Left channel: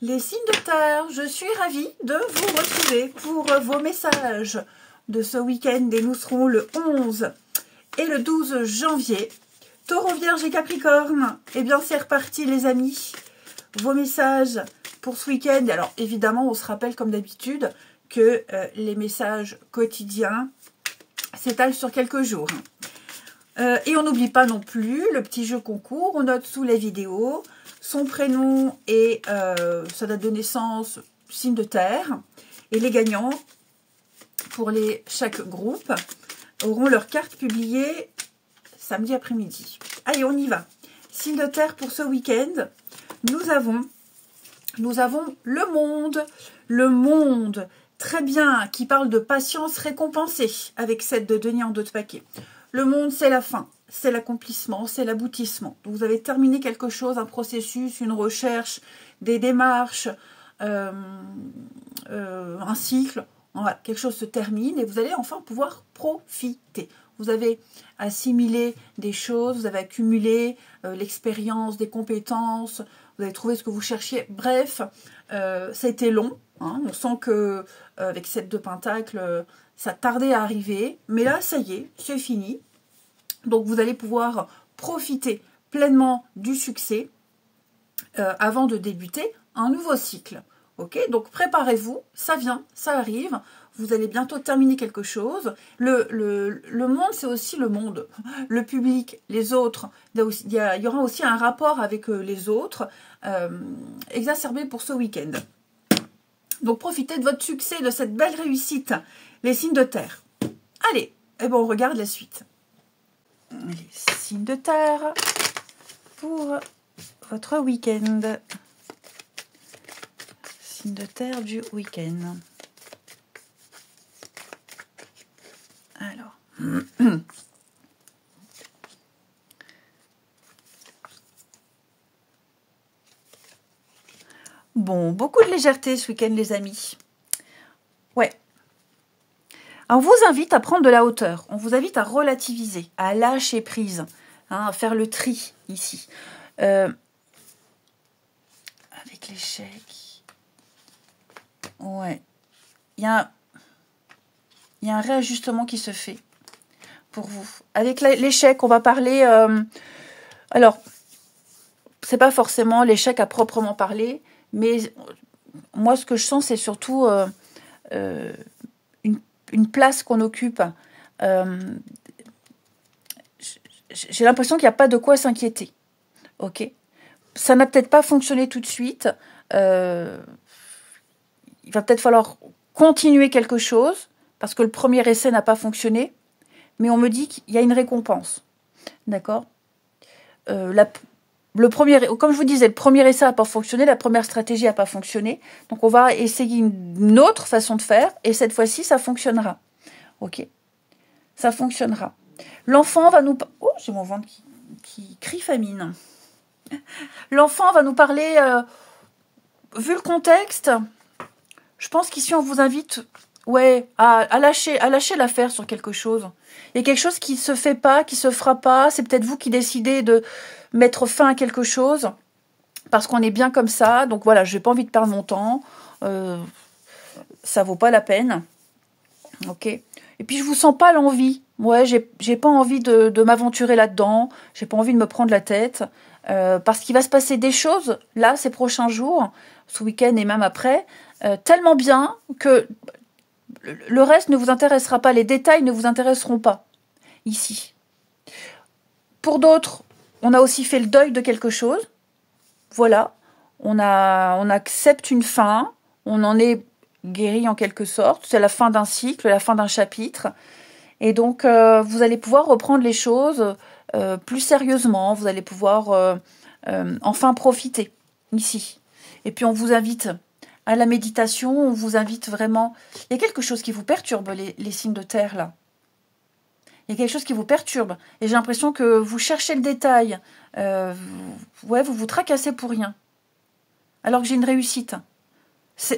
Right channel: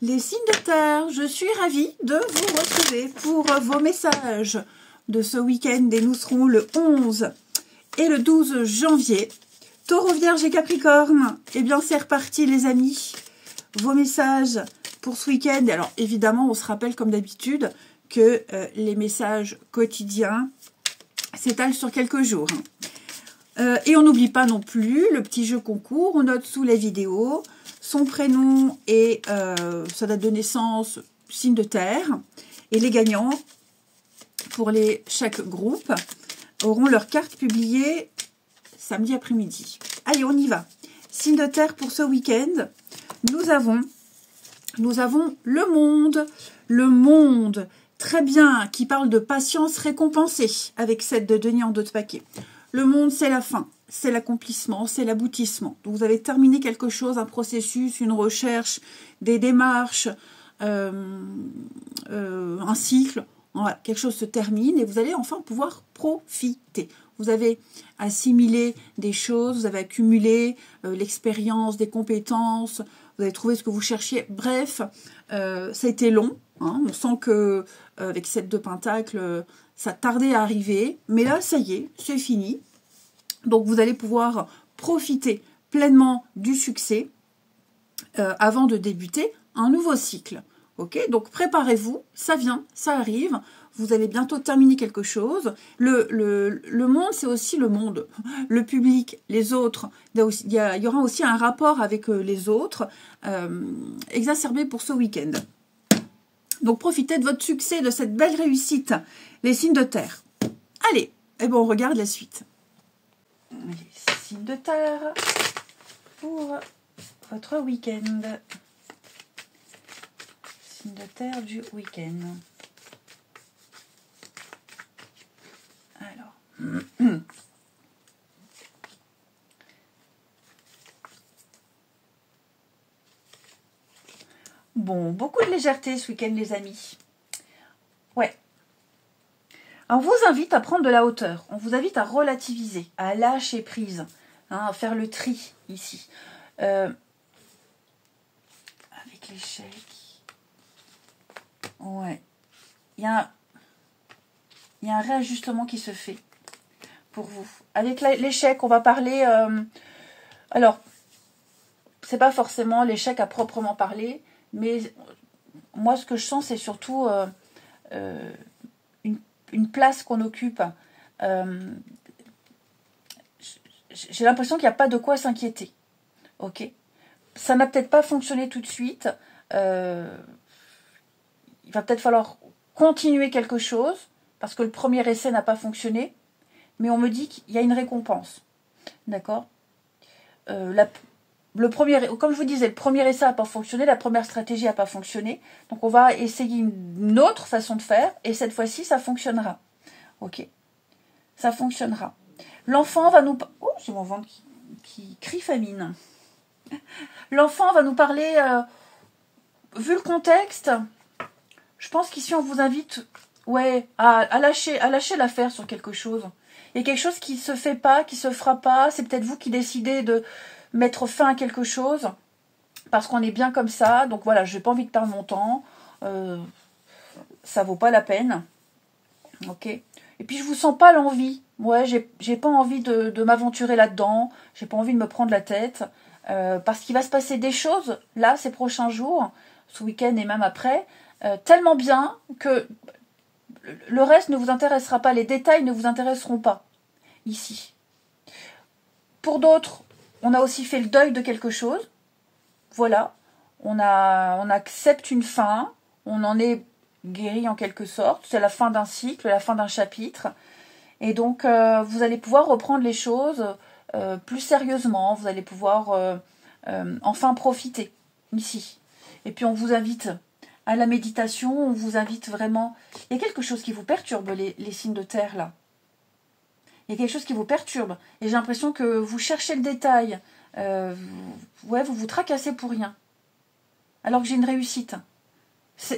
Les signes de terre, je suis ravie de vous retrouver pour vos messages de ce week-end et nous serons le 11 et le 12 janvier. Taureau, Vierge et Capricorne, eh bien c'est reparti les amis. Vos messages pour ce week-end. Alors évidemment, on se rappelle comme d'habitude que les messages quotidiens s'étalent sur quelques jours. Et on n'oublie pas non plus le petit jeu concours. On note sous la vidéo son prénom et sa date de naissance, signe de terre. Et les gagnants, pour chaque groupe, auront leur carte publiée samedi après-midi. Allez, on y va. Signe de terre pour ce week-end. Nous avons le monde, très bien, qui parle de patience récompensée avec 7 de denier en 2 de paquet. Le monde, c'est la fin, c'est l'accomplissement, c'est l'aboutissement. Vous avez terminé quelque chose, un processus, une recherche, des démarches, un cycle. Voilà, quelque chose se termine et vous allez enfin pouvoir profiter. Vous avez assimilé des choses, vous avez accumulé l'expérience, des compétences, vous avez trouvé ce que vous cherchiez. Bref, ça a été long. Hein, on sent que avec cette 2 pentacles, ça tardait à arriver. Mais là, ça y est, c'est fini. Donc, vous allez pouvoir profiter pleinement du succès avant de débuter un nouveau cycle. Ok, donc préparez-vous, ça vient, ça arrive. Vous allez bientôt terminer quelque chose. Le monde, c'est aussi le monde. Le public, les autres. Il y aura aussi un rapport avec les autres exacerbé pour ce week-end. Donc, profitez de votre succès, de cette belle réussite. Les signes de terre. Allez, et bon, on regarde la suite. Les signes de terre pour votre week-end. Signes de terre du week-end. Alors. Bon, beaucoup de légèreté ce week-end, les amis. Ouais. On vous invite à prendre de la hauteur. On vous invite à relativiser, à lâcher prise, hein, à faire le tri ici. Avec l'échec. Ouais. Il y a un réajustement qui se fait pour vous. Avec l'échec, on va parler... alors, c'est pas forcément l'échec à proprement parler, mais moi, ce que je sens, c'est surtout une place qu'on occupe. J'ai l'impression qu'il n'y a pas de quoi s'inquiéter. Ok, ça n'a peut-être pas fonctionné tout de suite. Il va peut-être falloir continuer quelque chose, parce que le premier essai n'a pas fonctionné, mais on me dit qu'il y a une récompense. D'accord, comme je vous disais, le premier essai n'a pas fonctionné, la première stratégie n'a pas fonctionné. Donc, on va essayer une autre façon de faire. Et cette fois-ci, ça fonctionnera. Ok, ça fonctionnera. L'enfant va nous... Oh, j'ai mon ventre qui crie famine. L'enfant va nous parler... vu le contexte, je pense qu'ici, on vous invite à lâcher l'affaire sur quelque chose. Il y a quelque chose qui ne se fait pas, qui ne se fera pas. C'est peut-être vous qui décidez de mettre fin à quelque chose parce qu'on est bien comme ça. Donc voilà, je n'ai pas envie de perdre mon temps. Ça vaut pas la peine. Ok. Et puis je vous sens pas l'envie. Ouais, j'ai pas envie de m'aventurer là-dedans. J'ai pas envie de me prendre la tête parce qu'il va se passer des choses là ces prochains jours, ce week-end et même après, tellement bien que le reste ne vous intéressera pas. Les détails ne vous intéresseront pas ici. Pour d'autres, on a aussi fait le deuil de quelque chose. Voilà, on accepte une fin, on en est guéri en quelque sorte. C'est la fin d'un cycle, la fin d'un chapitre. Et donc, vous allez pouvoir reprendre les choses plus sérieusement. Vous allez pouvoir enfin profiter ici. Et puis, on vous invite à la méditation. On vous invite vraiment... Il y a quelque chose qui vous perturbe, les signes de terre, là. Il y a quelque chose qui vous perturbe. Et j'ai l'impression que vous cherchez le détail. Ouais, vous vous tracassez pour rien. Alors que j'ai une réussite.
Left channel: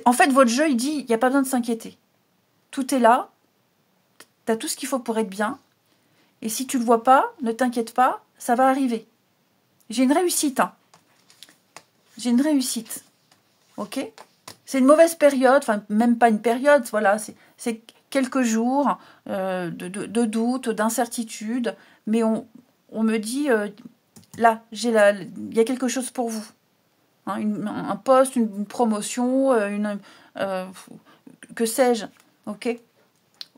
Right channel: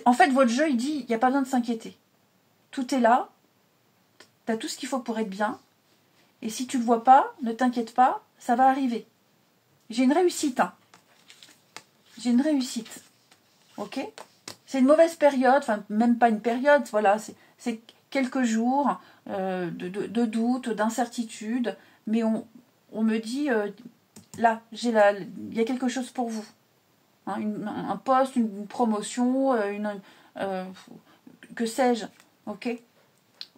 En fait, votre jeu, il dit, il n'y a pas besoin de s'inquiéter. Tout est là. Tu as tout ce qu'il faut pour être bien. Et si tu ne le vois pas, ne t'inquiète pas, ça va arriver. J'ai une réussite. Hein. J'ai une réussite. ok? C'est une mauvaise période, enfin, même pas une période, voilà, c'est quelques jours de doute, d'incertitude, mais on me dit, là, il y a quelque chose pour vous. Hein, un poste, une promotion, que sais-je, ok?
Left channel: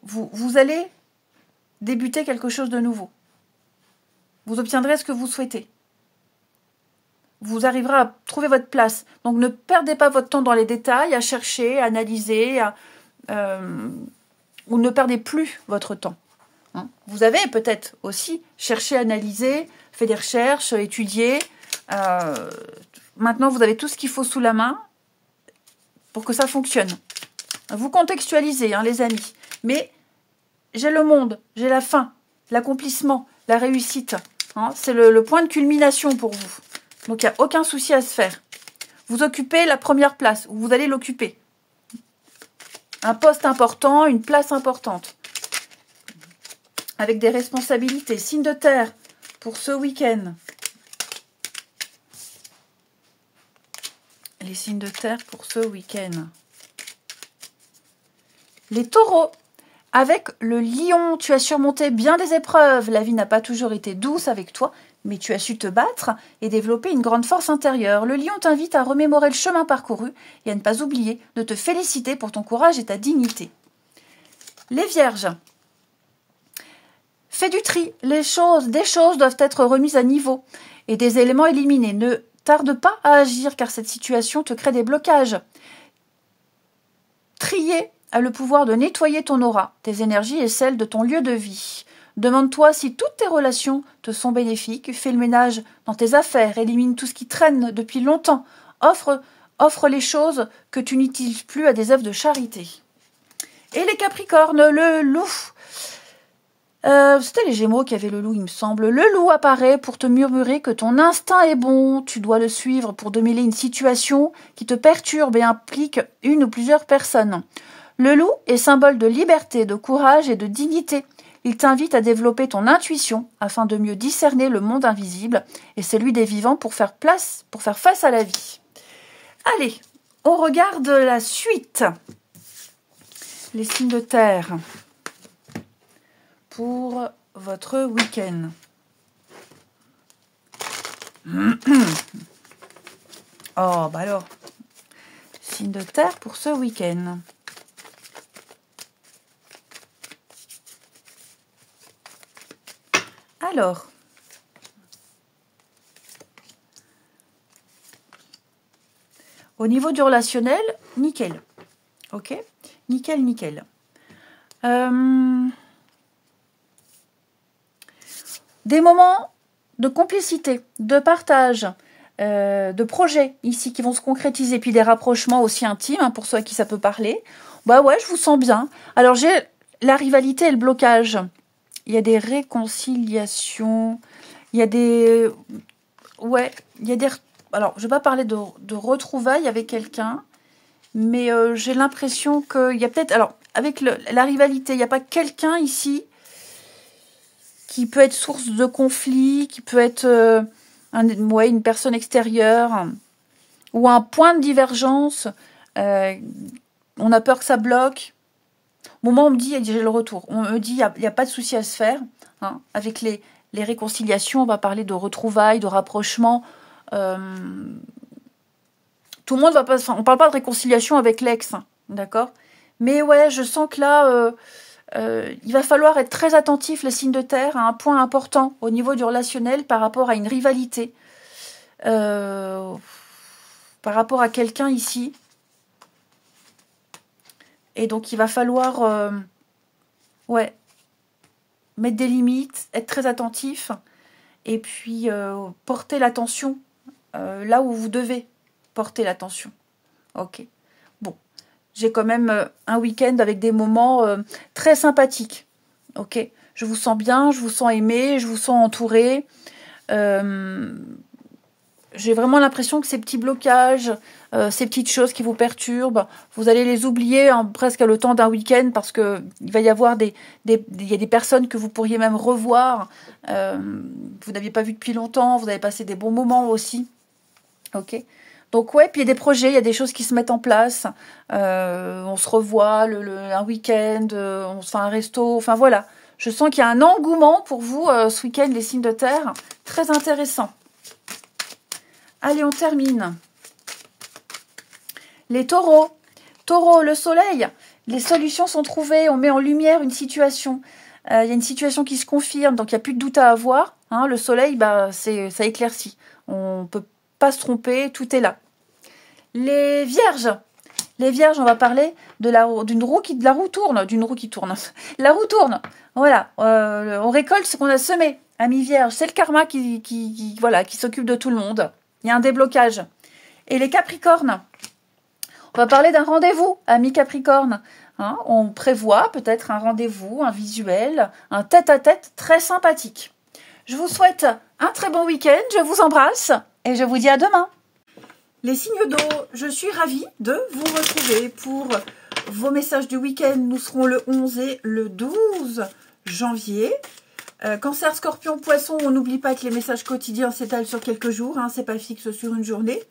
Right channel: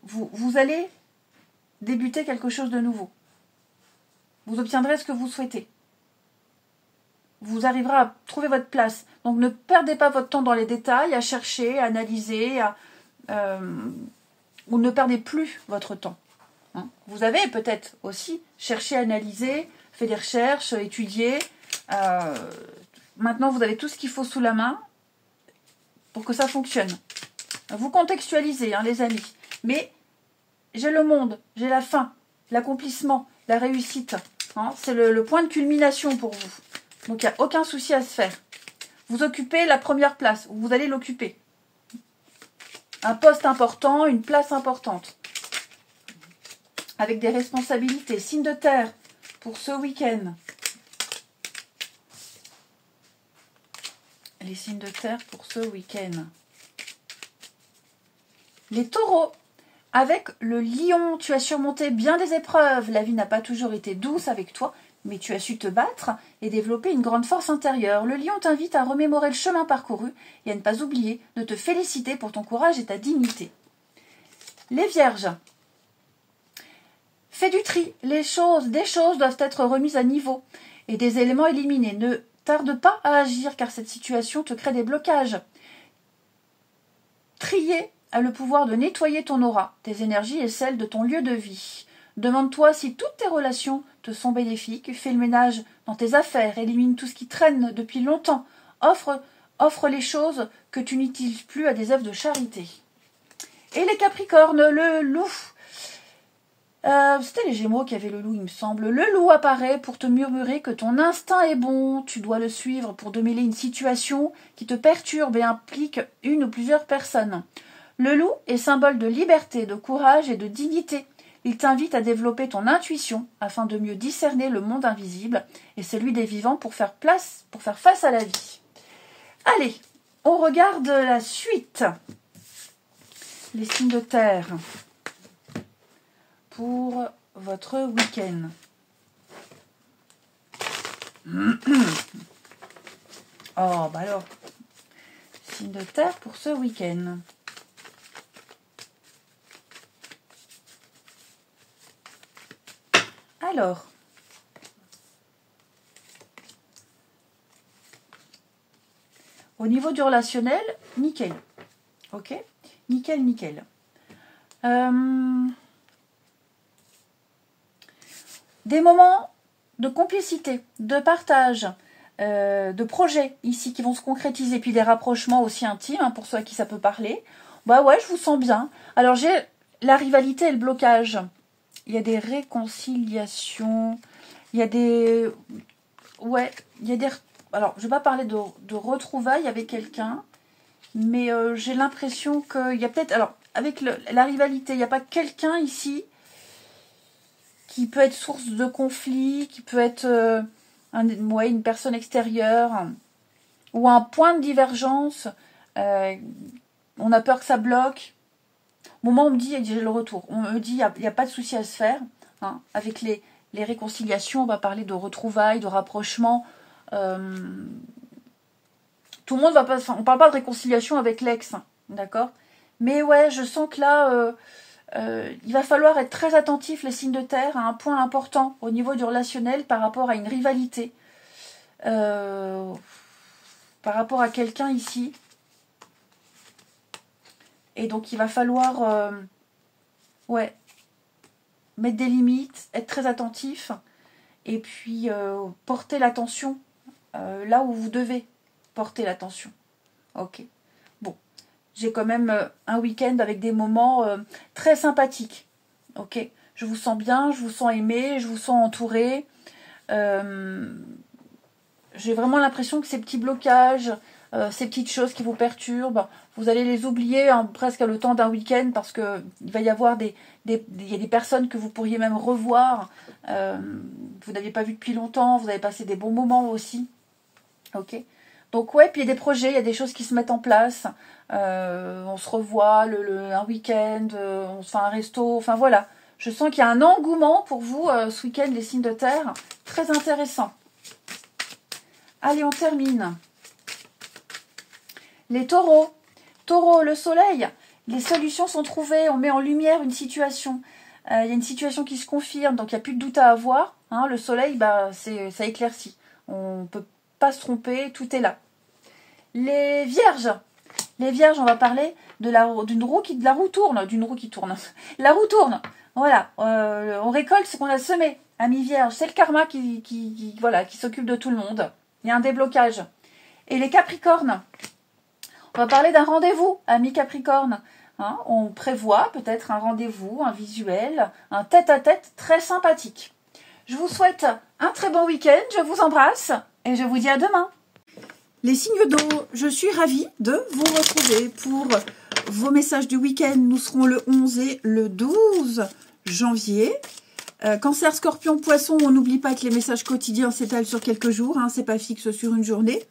Vous allez débuter quelque chose de nouveau. Vous obtiendrez ce que vous souhaitez. Vous arriverez à trouver votre place. Donc ne perdez pas votre temps dans les détails, à chercher, à analyser, ou ne perdez plus votre temps. Hein. Vous avez peut-être aussi cherché, analysé, fait des recherches, étudié. Maintenant, vous avez tout ce qu'il faut sous la main pour que ça fonctionne. Vous contextualisez, hein, les amis. Mais j'ai le monde, j'ai la fin, l'accomplissement, la réussite. Hein, c'est le point de culmination pour vous. Donc, il n'y a aucun souci à se faire. Vous occupez la première place, vous allez l'occuper. Un poste important, une place importante. Avec des responsabilités. Signe de terre pour ce week-end. Les signes de terre pour ce week-end. Les taureaux. Avec le lion, tu as surmonté bien des épreuves. La vie n'a pas toujours été douce avec toi, mais tu as su te battre et développer une grande force intérieure. Le lion t'invite à remémorer le chemin parcouru et à ne pas oublier de te féliciter pour ton courage et ta dignité. Les vierges. Fais du tri. Des choses doivent être remises à niveau et des éléments éliminés. Ne tarde pas à agir car cette situation te crée des blocages. Trier a le pouvoir de nettoyer ton aura, tes énergies et celles de ton lieu de vie. Demande-toi si toutes tes relations te sont bénéfiques, fais le ménage dans tes affaires, élimine tout ce qui traîne depuis longtemps, offre les choses que tu n'utilises plus à des œuvres de charité. Et les Capricornes, le loup. C'était les Gémeaux qui avaient le loup, il me semble. Le loup apparaît pour te murmurer que ton instinct est bon. Tu dois le suivre pour démêler une situation qui te perturbe et implique une ou plusieurs personnes. Le loup est symbole de liberté, de courage et de dignité. Il t'invite à développer ton intuition afin de mieux discerner le monde invisible et celui des vivants pour faire face à la vie. Allez, on regarde la suite. Les signes de terre pour votre week-end. Oh, bah alors, signe de terre pour ce week-end. Alors, au niveau du relationnel, nickel. Ok, nickel, nickel. Des moments de complicité, de partage, de projets ici qui vont se concrétiser, puis des rapprochements aussi intimes, hein, pour ceux à qui ça peut parler. Bah ouais, je vous sens bien. Alors j'ai la rivalité et le blocage. Il y a des réconciliations, il y a des... Ouais, il y a des... Alors, je ne vais pas parler de retrouvailles avec quelqu'un, mais j'ai l'impression qu'il y a peut-être... Alors, avec la rivalité, il n'y a pas quelqu'un ici qui peut être source de conflit, qui peut être une personne extérieure, ou un point de divergence. On a peur que ça bloque. Au moment où on me dit, j'ai le retour, on me dit, il n'y a pas de souci à se faire. Hein. Avec les réconciliations, on va parler de retrouvailles, de rapprochement. Tout le monde va pas... Enfin, on ne parle pas de réconciliation avec l'ex, hein, d'accord? Mais ouais, je sens que là, il va falloir être très attentif, les signes de terre, à un point important au niveau du relationnel par rapport à une rivalité. Par rapport à quelqu'un ici. Et donc, il va falloir mettre des limites, être très attentif et puis porter l'attention là où vous devez porter l'attention. Ok. Bon, j'ai quand même un week-end avec des moments très sympathiques. Ok. Je vous sens bien, je vous sens aimé, je vous sens entouré. J'ai vraiment l'impression que ces petits blocages, ces petites choses qui vous perturbent, vous allez les oublier presque le temps d'un week-end parce que il va y avoir il y a des personnes que vous pourriez même revoir. Vous n'aviez pas vu depuis longtemps, vous avez passé des bons moments aussi. Ok. Donc ouais, puis il y a des projets, il y a des choses qui se mettent en place. On se revoit un week-end, on se fait un resto, enfin voilà. Je sens qu'il y a un engouement pour vous ce week-end, les signes de terre. Très intéressant. Allez, on termine. Les taureaux. Taureau, le soleil. Les solutions sont trouvées. On met en lumière une situation. Il y a une situation qui se confirme, donc il n'y a plus de doute à avoir. Hein, le soleil, bah, ça éclaircit. On ne peut pas se tromper, tout est là. Les vierges. Les vierges, on va parler de la roue qui tourne. La roue tourne. Voilà. On récolte ce qu'on a semé. Amis vierges, c'est le karma qui s'occupe de tout le monde. Il y a un déblocage. Et les capricornes. On va parler d'un rendez-vous, amis capricornes. Hein, on prévoit peut-être un rendez-vous, un visuel, un tête-à-tête très sympathique. Je vous souhaite un très bon week-end. Je vous embrasse et je vous dis à demain. Les signes d'eau, je suis ravie de vous retrouver pour vos messages du week-end. Nous serons le 11 et le 12 janvier. Cancer, Scorpion, Poisson, on n'oublie pas que les messages quotidiens s'étalent sur quelques jours. Hein, c'est pas fixe sur une journée.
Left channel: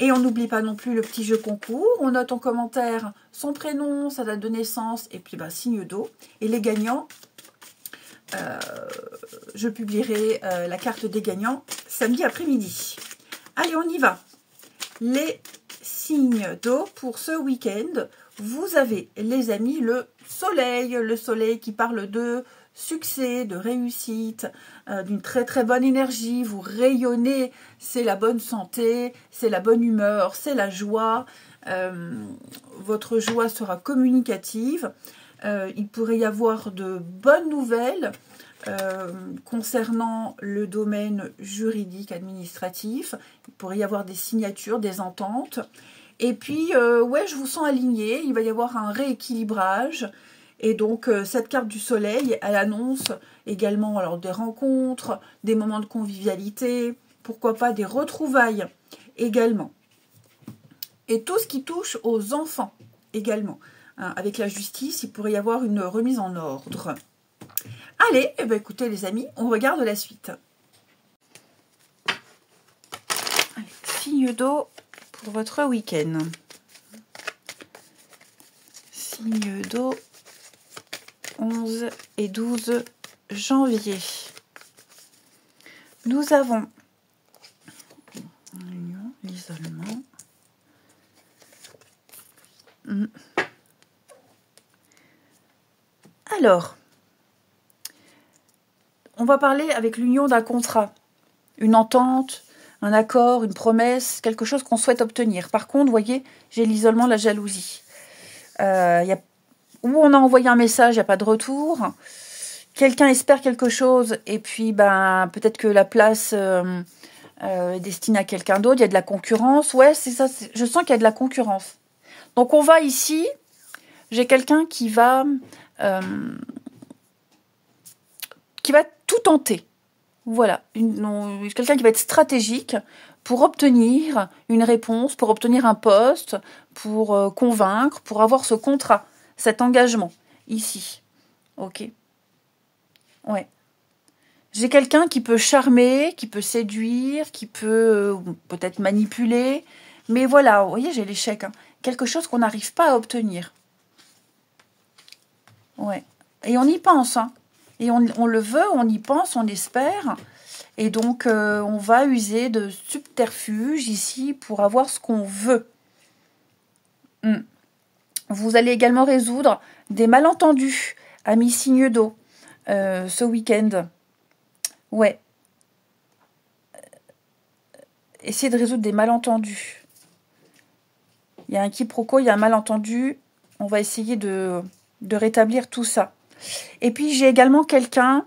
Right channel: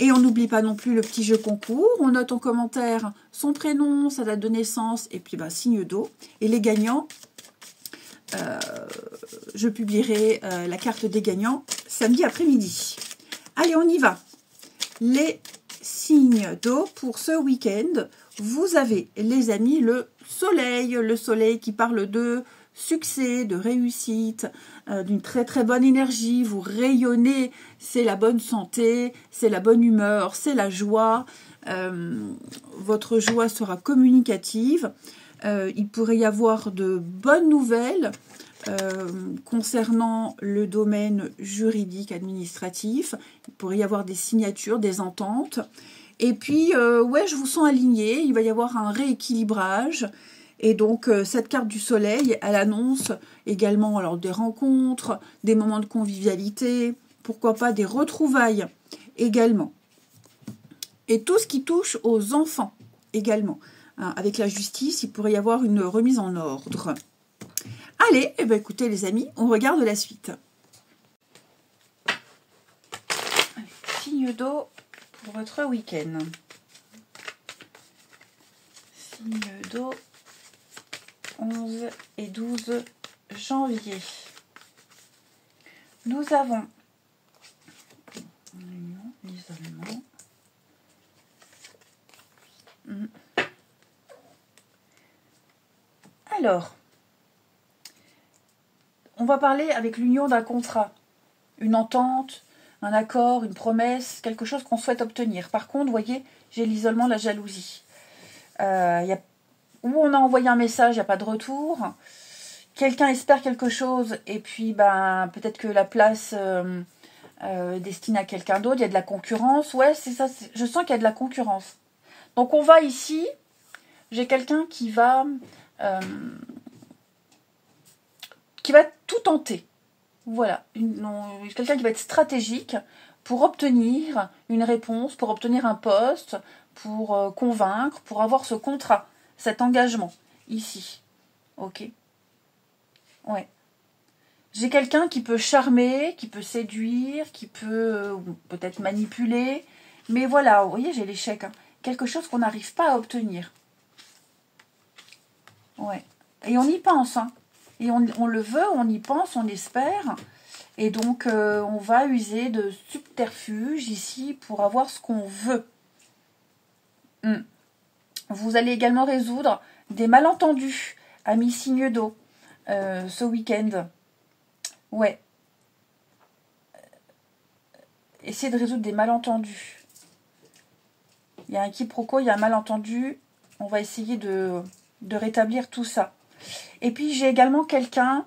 Et on n'oublie pas non plus le petit jeu concours. On note en commentaire son prénom, sa date de naissance et puis bah, signe d'eau. Et les gagnants, je publierai la carte des gagnants samedi après-midi. Allez, on y va. Les signes d'eau pour ce week-end. Vous avez, les amis, le soleil qui parle de succès, de réussite, d'une très très bonne énergie. Vous rayonnez, c'est la bonne santé, c'est la bonne humeur, c'est la joie. Votre joie sera communicative. Il pourrait y avoir de bonnes nouvelles concernant le domaine juridique, administratif. Il pourrait y avoir des signatures, des ententes. Et puis, ouais, je vous sens aligné. Il va y avoir un rééquilibrage. Et donc, cette carte du soleil, elle annonce également alors, des rencontres, des moments de convivialité, pourquoi pas des retrouvailles également. Et tout ce qui touche aux enfants également. Hein, avec la justice, il pourrait y avoir une remise en ordre. Allez, eh ben, écoutez les amis, on regarde la suite. Allez, signe d'eau pour votre week-end. Signe d'eau 11 et 12 janvier. Nous avons l'isolement. Alors, on va parler avec l'union d'un contrat, une entente, un accord, une promesse, quelque chose qu'on souhaite obtenir. Par contre, vous voyez, j'ai l'isolement, la jalousie. Où on a envoyé un message, il n'y a pas de retour. Quelqu'un espère quelque chose et puis ben, peut-être que la place est destinée à quelqu'un d'autre. Il y a de la concurrence. Ouais, c'est ça. Je sens qu'il y a de la concurrence. Donc on va ici, j'ai quelqu'un qui va tout tenter. Voilà, quelqu'un qui va être stratégique pour obtenir une réponse, pour obtenir un poste, pour convaincre, pour avoir ce contrat, cet engagement, ici. Ok. Ouais. J'ai quelqu'un qui peut charmer, qui peut séduire, qui peut peut-être manipuler. Mais voilà, vous voyez, j'ai l'échec. Hein. Quelque chose qu'on n'arrive pas à obtenir. Ouais. Et on y pense, hein. Et on le veut, on y pense, on espère. Et donc, on va user de subterfuges ici pour avoir ce qu'on veut. Vous allez également résoudre des malentendus, amis signes d'eau, ce week-end. Ouais. Essayez de résoudre des malentendus. Il y a un quiproquo, il y a un malentendu. On va essayer de rétablir tout ça. Et puis, j'ai également quelqu'un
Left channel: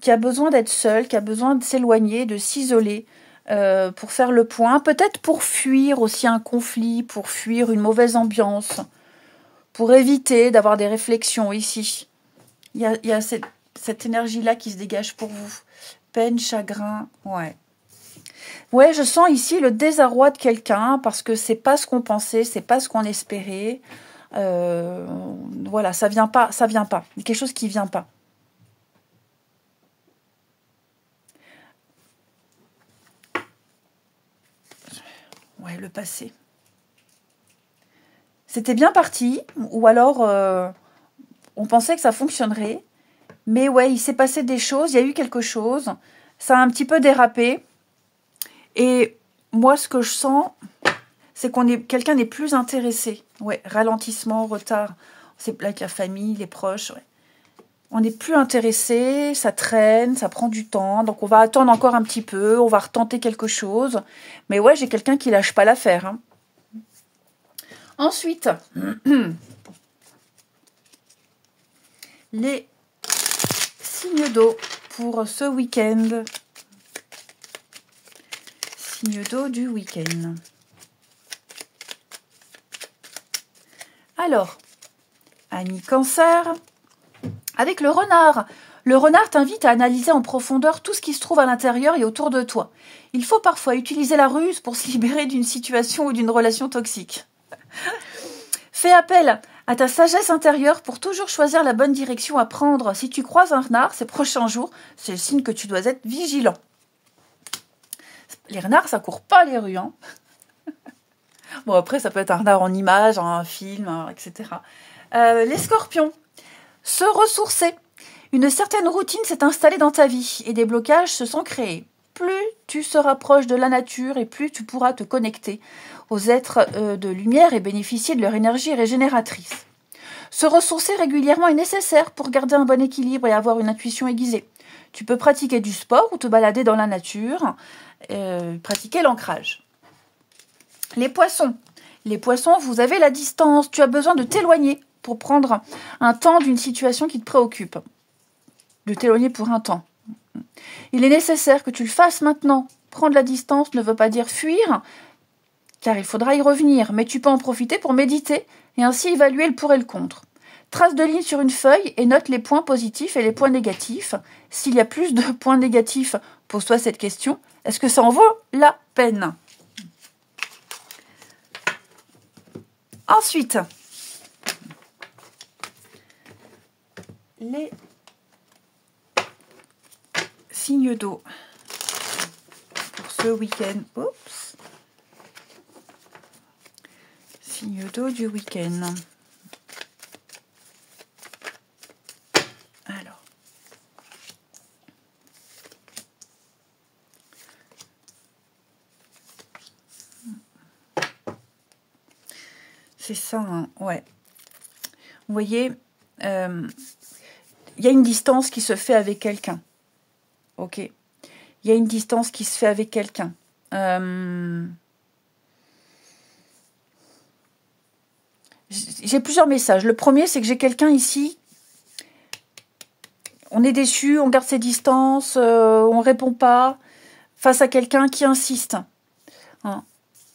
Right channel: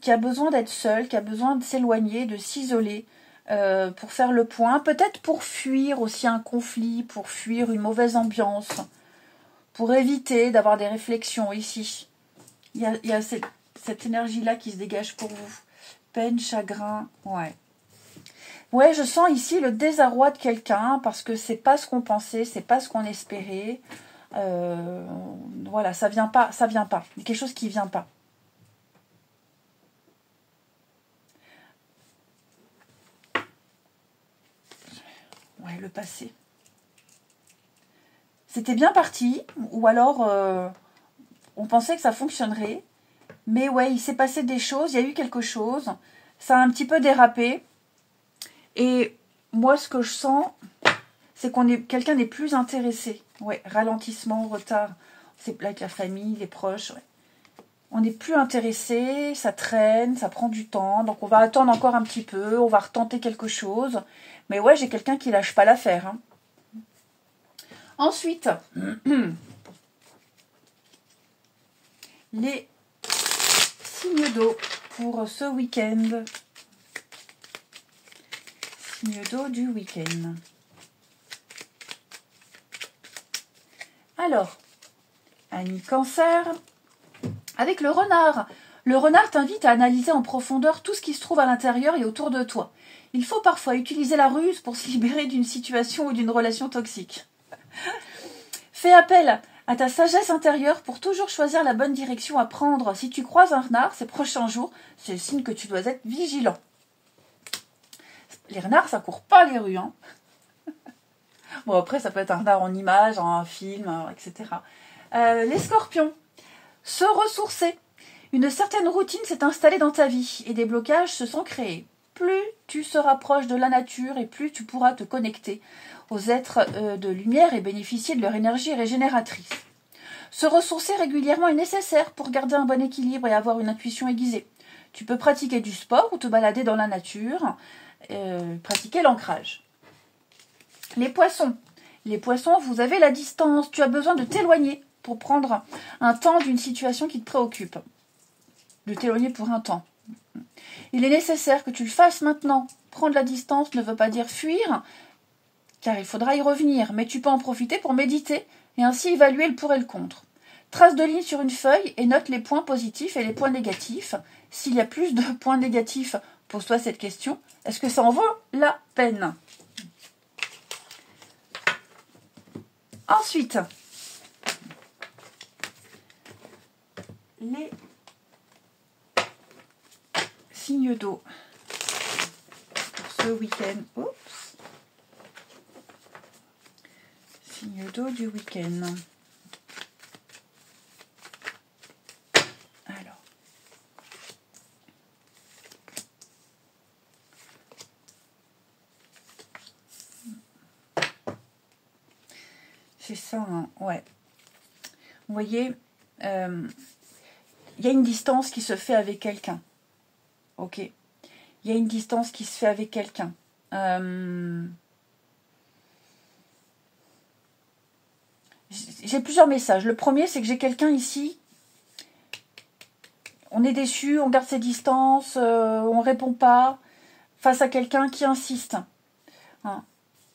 qui a besoin d'être seul, qui a besoin de s'éloigner, de s'isoler pour faire le point. Peut-être pour fuir aussi un conflit, pour fuir une mauvaise ambiance, pour éviter d'avoir des réflexions ici. Il y a cette énergie-là qui se dégage pour vous. Peine, chagrin, ouais. Ouais, je sens ici le désarroi de quelqu'un parce que c'est pas ce qu'on pensait, c'est pas ce qu'on espérait. Voilà, ça vient pas. Il y a quelque chose qui vient pas. Ouais, le passé. C'était bien parti, ou alors on pensait que ça fonctionnerait. Mais ouais, il s'est passé des choses, il y a eu quelque chose. Ça a un petit peu dérapé. Et moi, ce que je sens, c'est quelqu'un n'est plus intéressé. Ouais, ralentissement, retard. C'est là avec la famille, les proches, ouais. On n'est plus intéressé, ça traîne, ça prend du temps. Donc on va attendre encore un petit peu, on va retenter quelque chose. Mais ouais, j'ai quelqu'un qui lâche pas l'affaire. Hein. Ensuite, les signes d'eau pour ce week-end. Signes d'eau du week-end. Alors, Annie Cancer, avec le renard. Le renard t'invite à analyser en profondeur tout ce qui se trouve à l'intérieur et autour de toi. Il faut parfois utiliser la ruse pour se libérer d'une situation ou d'une relation toxique. Fais appel à ta sagesse intérieure pour toujours choisir la bonne direction à prendre. Si tu croises un renard ces prochains jours, c'est le signe que tu dois être vigilant. Les renards, ça court pas les rues. Hein. Bon, après, ça peut être un renard en image, un film, etc. Les scorpions. Se ressourcer. Une certaine routine s'est installée dans ta vie et des blocages se sont créés. Plus tu se rapproches de la nature et plus tu pourras te connecter aux êtres de lumière et bénéficier de leur énergie régénératrice. Se ressourcer régulièrement est nécessaire pour garder un bon équilibre et avoir une intuition aiguisée. Tu peux pratiquer du sport ou te balader dans la nature, pratiquer l'ancrage. Les poissons. Les poissons, vous avez la distance. Tu as besoin de t'éloigner pour prendre un temps d'une situation qui te préoccupe. De t'éloigner pour un temps. Il est nécessaire que tu le fasses maintenant. Prendre la distance ne veut pas dire fuir, car il faudra y revenir. Mais tu peux en profiter pour méditer et ainsi évaluer le pour et le contre. Trace de ligne sur une feuille et note les points positifs et les points négatifs. S'il y a plus de points négatifs, pose-toi cette question. Est-ce que ça en vaut la peine? Ensuite, les signes d'eau pour ce week-end. Oups. Signes d'eau du week-end. Alors. C'est ça, hein, ouais. Vous voyez, il y a une distance qui se fait avec quelqu'un. Ok. Il y a une distance qui se fait avec quelqu'un. J'ai plusieurs messages. Le premier, c'est que j'ai quelqu'un ici. On est déçu, on garde ses distances, on répond pas face à quelqu'un qui insiste. Hein.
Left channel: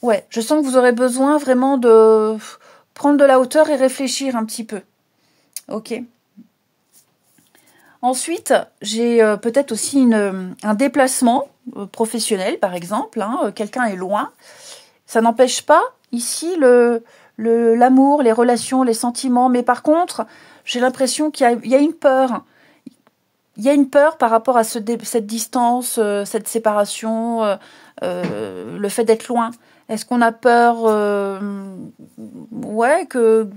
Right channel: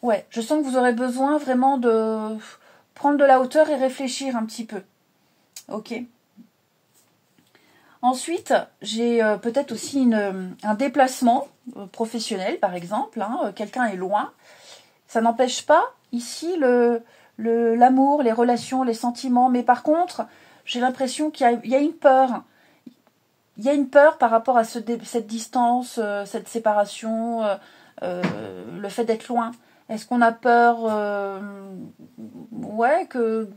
Ouais, je sens que vous aurez besoin vraiment de prendre de la hauteur et réfléchir un petit peu. Ok. Ensuite, j'ai peut-être aussi un déplacement professionnel, par exemple. Hein, quelqu'un est loin. Ça n'empêche pas, ici, l'amour, les relations, les sentiments. Mais par contre, j'ai l'impression qu'il y a une peur. Il y a une peur par rapport à cette distance, cette séparation, le fait d'être loin. Est-ce qu'on a peur ouais, que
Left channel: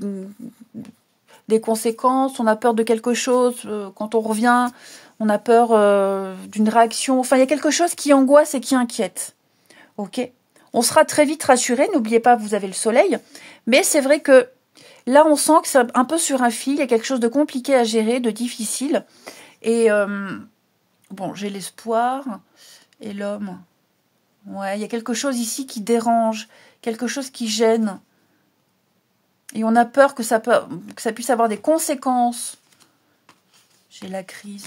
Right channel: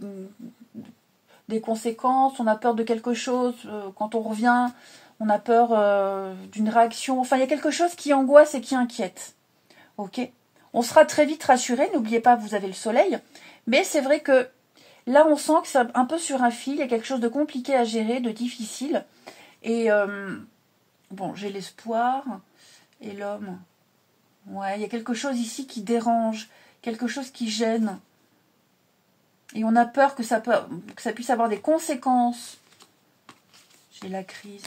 des conséquences, on a peur de quelque chose, quand on revient, on a peur d'une réaction. Enfin, il y a quelque chose qui angoisse et qui inquiète. Ok. On sera très vite rassuré, n'oubliez pas, vous avez le soleil. Mais c'est vrai que là, on sent que c'est un peu sur un fil, il y a quelque chose de compliqué à gérer, de difficile. Et bon, j'ai l'espoir et l'homme. Ouais, il y a quelque chose ici qui dérange, quelque chose qui gêne. Et on a peur que ça puisse avoir des conséquences. J'ai la crise.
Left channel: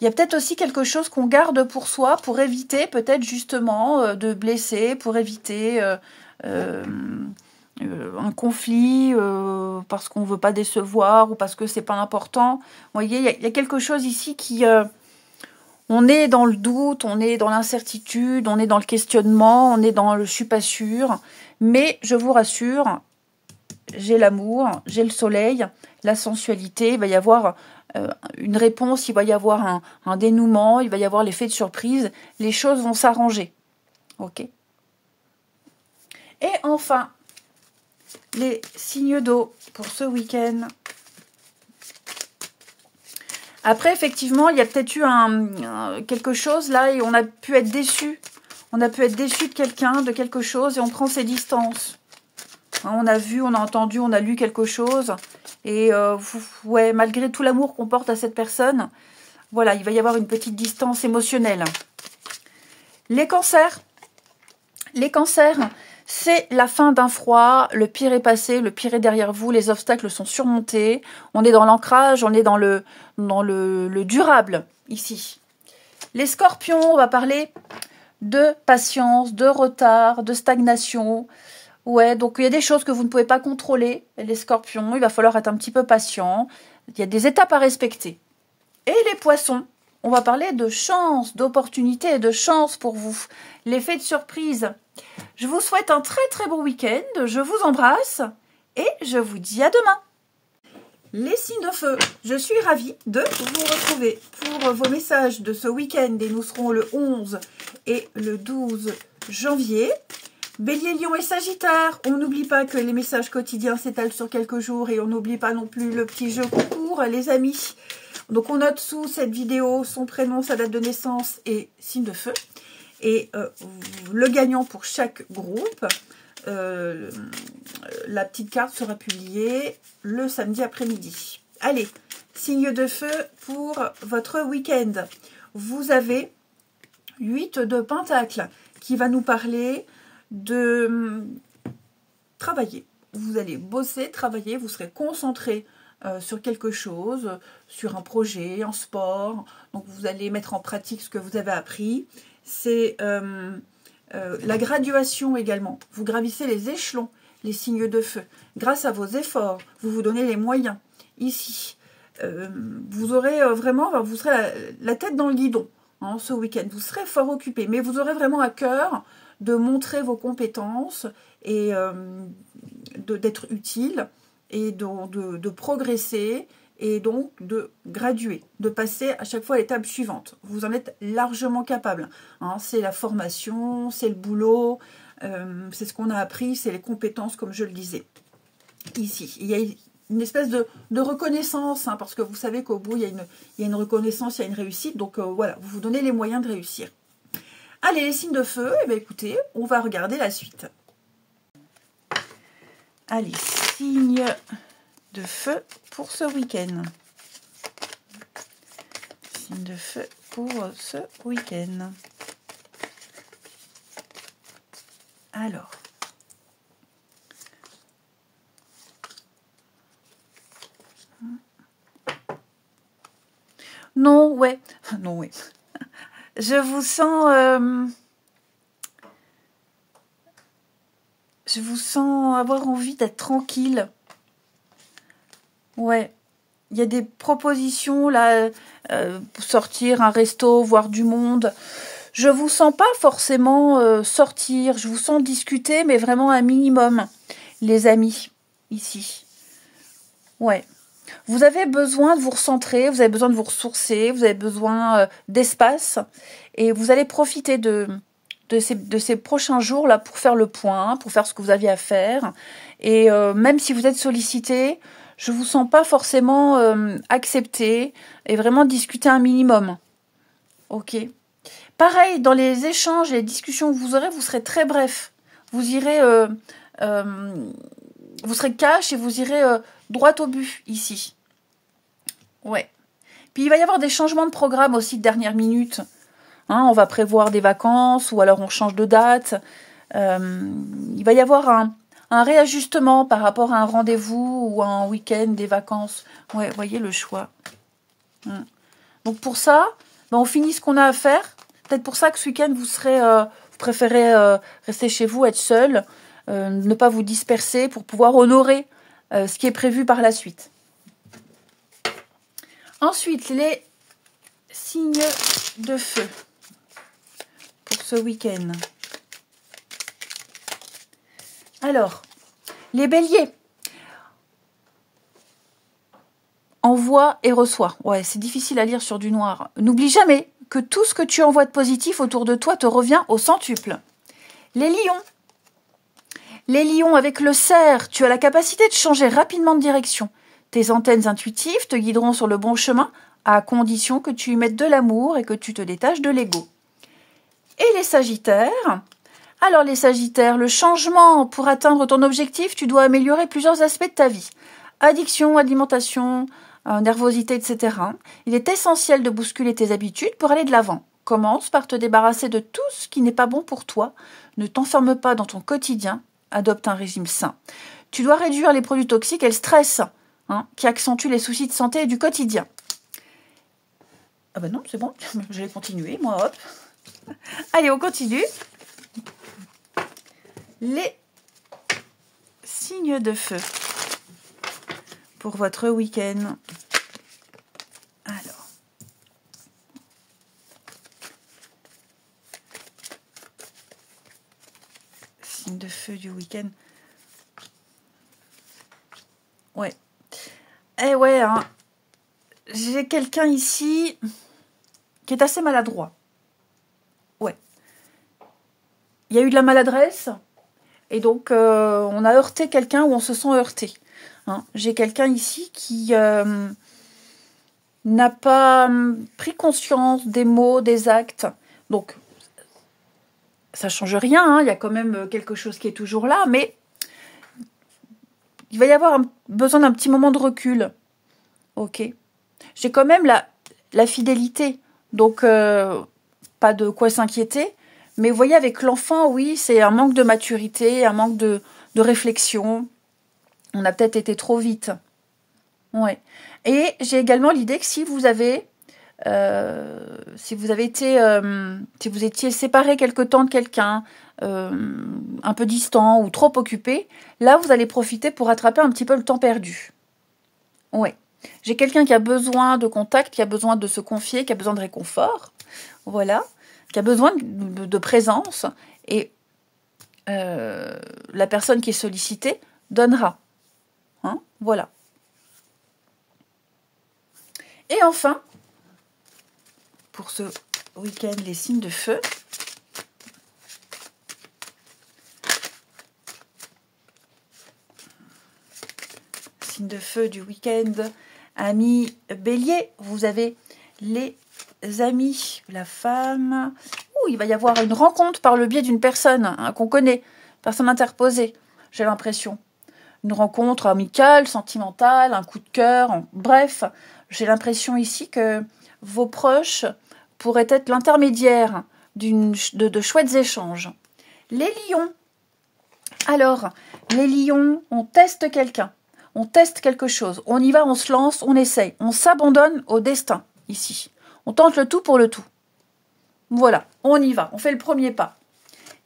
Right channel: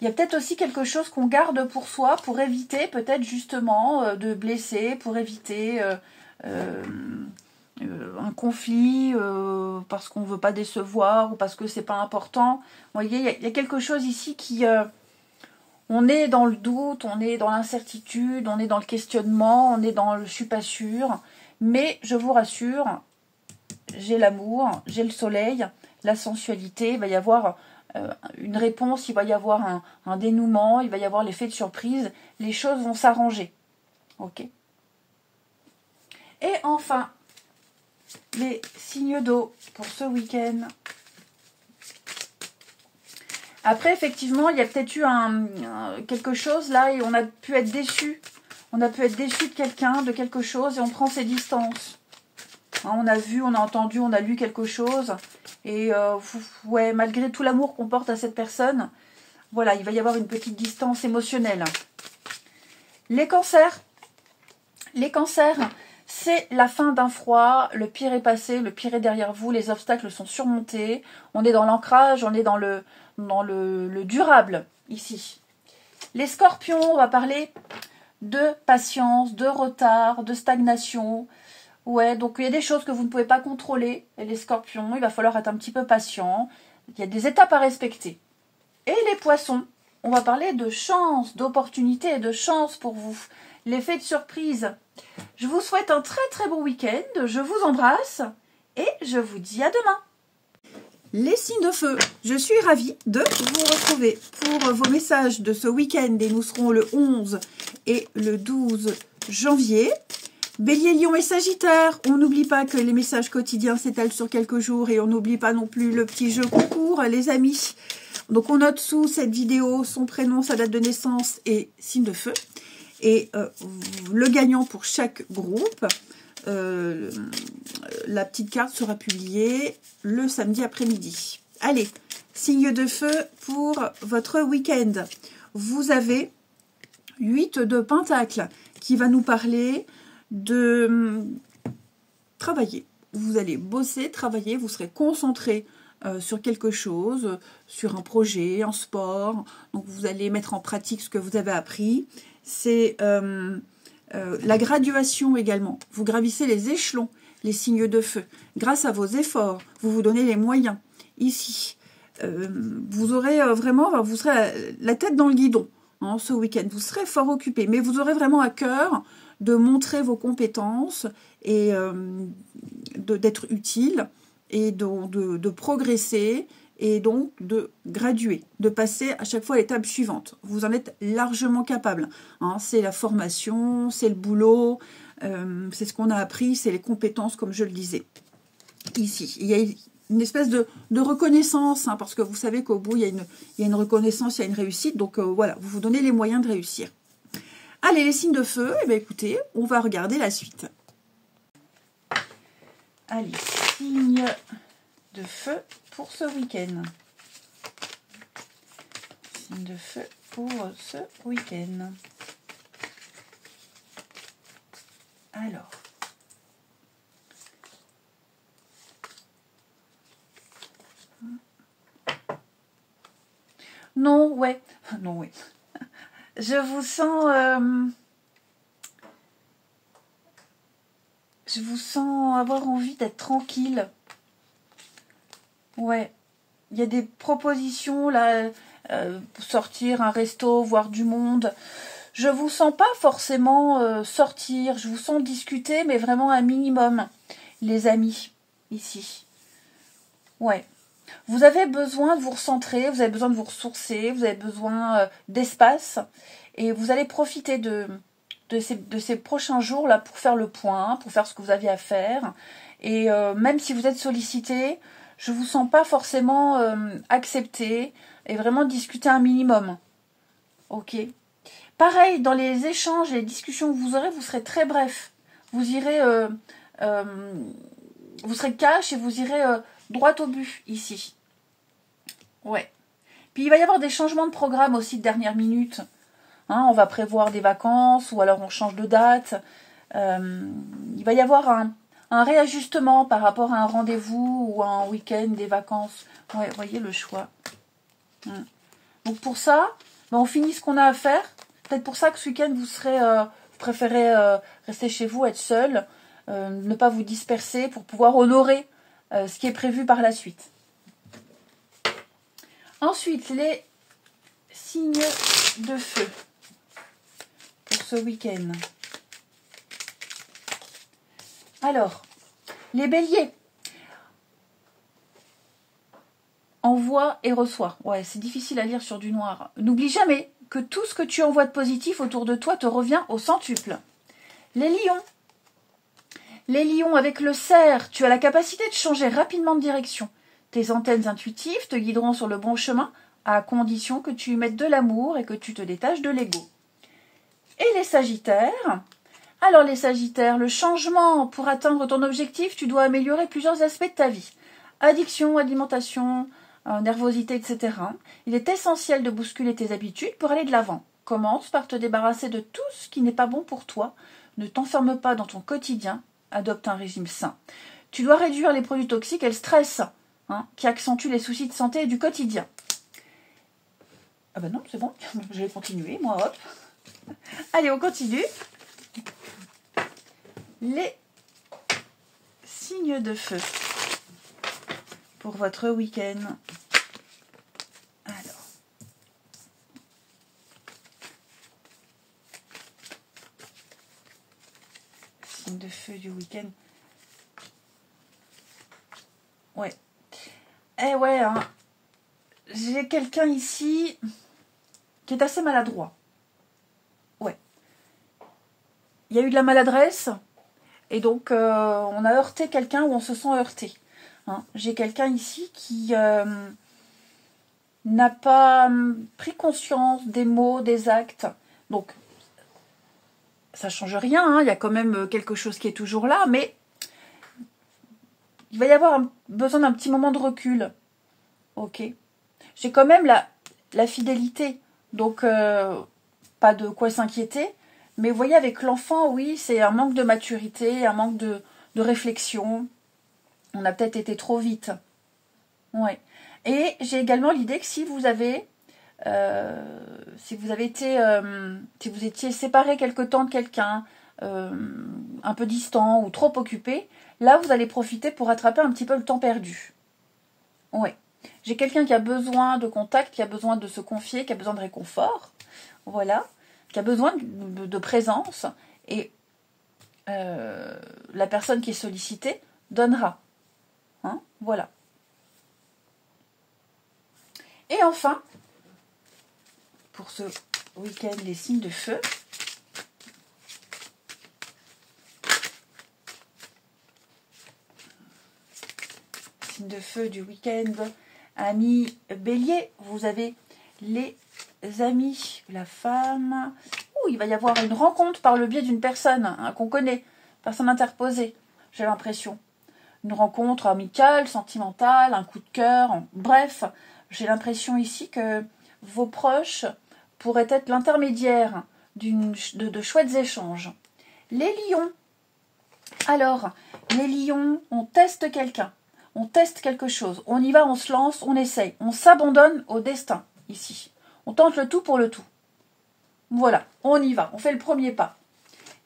Il y a peut-être aussi quelque chose qu'on garde pour soi, pour éviter peut-être justement de blesser, pour éviter un conflit, parce qu'on ne veut pas décevoir ou parce que c'est pas important. Vous voyez, il y a quelque chose ici qui... on est dans le doute, on est dans l'incertitude, on est dans le questionnement, on est dans le « je suis pas sûre ». Mais je vous rassure, j'ai l'amour, j'ai le soleil, la sensualité, il va y avoir une réponse, il va y avoir un dénouement, il va y avoir l'effet de surprise, les choses vont s'arranger. Ok. Et enfin, les signes d'eau pour ce week-end. Après, effectivement, il y a peut-être eu quelque chose là et on a pu être déçu. On a pu être déçu de quelqu'un, de quelque chose et on prend ses distances. Hein, on a vu, on a entendu, on a lu quelque chose. Et ouais, malgré tout l'amour qu'on porte à cette personne, voilà, il va y avoir une petite distance émotionnelle. Les cancers. Les cancers, c'est la fin d'un froid. Le pire est passé, le pire est derrière vous. Les obstacles sont surmontés. On est dans l'ancrage, on est dans le durable ici. Les scorpions, on va parler de patience, de retard, de stagnation. Ouais, donc il y a des choses que vous ne pouvez pas contrôler. Les scorpions, il va falloir être un petit peu patient. Il y a des étapes à respecter. Et les poissons, on va parler de chance, d'opportunité et de chance pour vous. L'effet de surprise. Je vous souhaite un très très bon week-end. Je vous embrasse et je vous dis à demain. Les signes de feu, je suis ravie de vous retrouver pour vos messages de ce week-end et nous serons le 11 et le 12 janvier. Bélier, Lion et Sagittaire, on n'oublie pas que les messages quotidiens s'étalent sur quelques jours et on n'oublie pas non plus le petit jeu concours, les amis. Donc on note sous cette vidéo son prénom, sa date de naissance et signe de feu. Et le gagnant pour chaque groupe. La petite carte sera publiée le samedi après-midi. Allez, signe de feu pour votre week-end. Vous avez 8 de Pentacle qui va nous parler de travailler. Vous allez bosser, travailler, vous serez concentré sur quelque chose, sur un projet, un sport. Donc vous allez mettre en pratique ce que vous avez appris. C'est la graduation également. Vous gravissez les échelons, les signes de feu. Grâce à vos efforts, vous vous donnez les moyens. Ici, vous aurez vraiment, vous serez la tête dans le guidon hein, ce week-end. Vous serez fort occupé, mais vous aurez vraiment à cœur de montrer vos compétences et d'être utile et de progresser et donc de graduer, de passer à chaque fois à l'étape suivante. Vous en êtes largement capable. Hein. C'est la formation, c'est le boulot, c'est ce qu'on a appris, c'est les compétences, comme je le disais. Ici, il y a une espèce de reconnaissance, hein, parce que vous savez qu'au bout, il y a une reconnaissance, il y a une réussite. Donc voilà, vous vous donnez les moyens de réussir. Allez, les signes de feu, eh bien, écoutez, on va regarder la suite. Allez, signes de feu pour ce week-end. Signe de feu pour ce week-end. Alors. Non, ouais. Non, ouais. Je vous sens... je vous sens avoir envie d'être tranquille. Ouais, il y a des propositions là, pour sortir, un resto, voir du monde. Je vous sens pas forcément sortir, je vous sens discuter, mais vraiment un minimum, les amis, ici. Ouais, vous avez besoin de vous recentrer, vous avez besoin de vous ressourcer, vous avez besoin d'espace, et vous allez profiter de ces prochains jours là pour faire le point, pour faire ce que vous aviez à faire. Et même si vous êtes sollicité, je ne vous sens pas forcément accepté et vraiment discuter un minimum. Ok. Pareil, dans les échanges et les discussions que vous aurez, vous serez très bref. Vous irez, vous serez cash et vous irez droit au but ici. Ouais. Puis il va y avoir des changements de programme aussi de dernière minute. Hein, on va prévoir des vacances ou alors on change de date. Il va y avoir un réajustement par rapport à un rendez-vous ou à un week-end, des vacances. Ouais, vous voyez le choix. Donc pour ça, ben on finit ce qu'on a à faire. Peut-être pour ça que ce week-end, vous préférez rester chez vous, être seul, ne pas vous disperser pour pouvoir honorer ce qui est prévu par la suite. Ensuite, les signes de feu pour ce week-end. Alors, les béliers. Envoie et reçoit. Ouais, c'est difficile à lire sur du noir. N'oublie jamais que tout ce que tu envoies de positif autour de toi te revient au centuple. Les lions. Les lions avec le cerf, tu as la capacité de changer rapidement de direction. Tes antennes intuitives te guideront sur le bon chemin, à condition que tu y mettes de l'amour et que tu te détaches de l'ego. Et les sagittaires? Alors les sagittaires, le changement pour atteindre ton objectif, tu dois améliorer plusieurs aspects de ta vie. Addiction, alimentation, nervosité, etc. Il est essentiel de bousculer tes habitudes pour aller de l'avant. Commence par te débarrasser de tout ce qui n'est pas bon pour toi. Ne t'enferme pas dans ton quotidien. Adopte un régime sain. Tu dois réduire les produits toxiques et le stress, qui accentuent les soucis de santé du quotidien. Ah ben non, c'est bon, je vais continuer, moi, hop. Allez, on continue. Les signes de feu pour votre week-end. Alors, signes de feu du week-end. Ouais. Eh ouais, hein. J'ai quelqu'un ici qui est assez maladroit. Ouais. Il y a eu de la maladresse. Et donc, on a heurté quelqu'un ou on se sent heurté. J'ai quelqu'un ici qui n'a pas pris conscience des mots, des actes. Donc, ça ne change rien. Il y a quand même quelque chose qui est toujours là. Mais il va y avoir besoin d'un petit moment de recul. Ok. J'ai quand même la fidélité. Donc, pas de quoi s'inquiéter. Mais vous voyez, avec l'enfant, oui, c'est un manque de maturité, un manque de réflexion. On a peut-être été trop vite. Ouais. Et j'ai également l'idée que si vous avez été, si vous étiez séparé quelque temps de quelqu'un, un peu distant ou trop occupé, là, vous allez profiter pour rattraper un petit peu le temps perdu. Ouais. J'ai quelqu'un qui a besoin de contact, qui a besoin de se confier, qui a besoin de réconfort. Voilà. Qui a besoin de présence, et la personne qui est sollicitée donnera. Voilà. Et enfin, pour ce week-end, les signes de feu. Signes de feu du week-end, amis Bélier, vous avez les amis, la femme. Il va y avoir une rencontre par le biais d'une personne qu'on connaît, personne interposée, j'ai l'impression. Une rencontre amicale, sentimentale, un coup de cœur, bref, j'ai l'impression ici que vos proches pourraient être l'intermédiaire de chouettes échanges. Les lions. Alors, les lions, on teste quelqu'un, on teste quelque chose, on y va, on se lance, on essaye, on s'abandonne au destin, ici. On tente le tout pour le tout. Voilà, on y va, on fait le premier pas.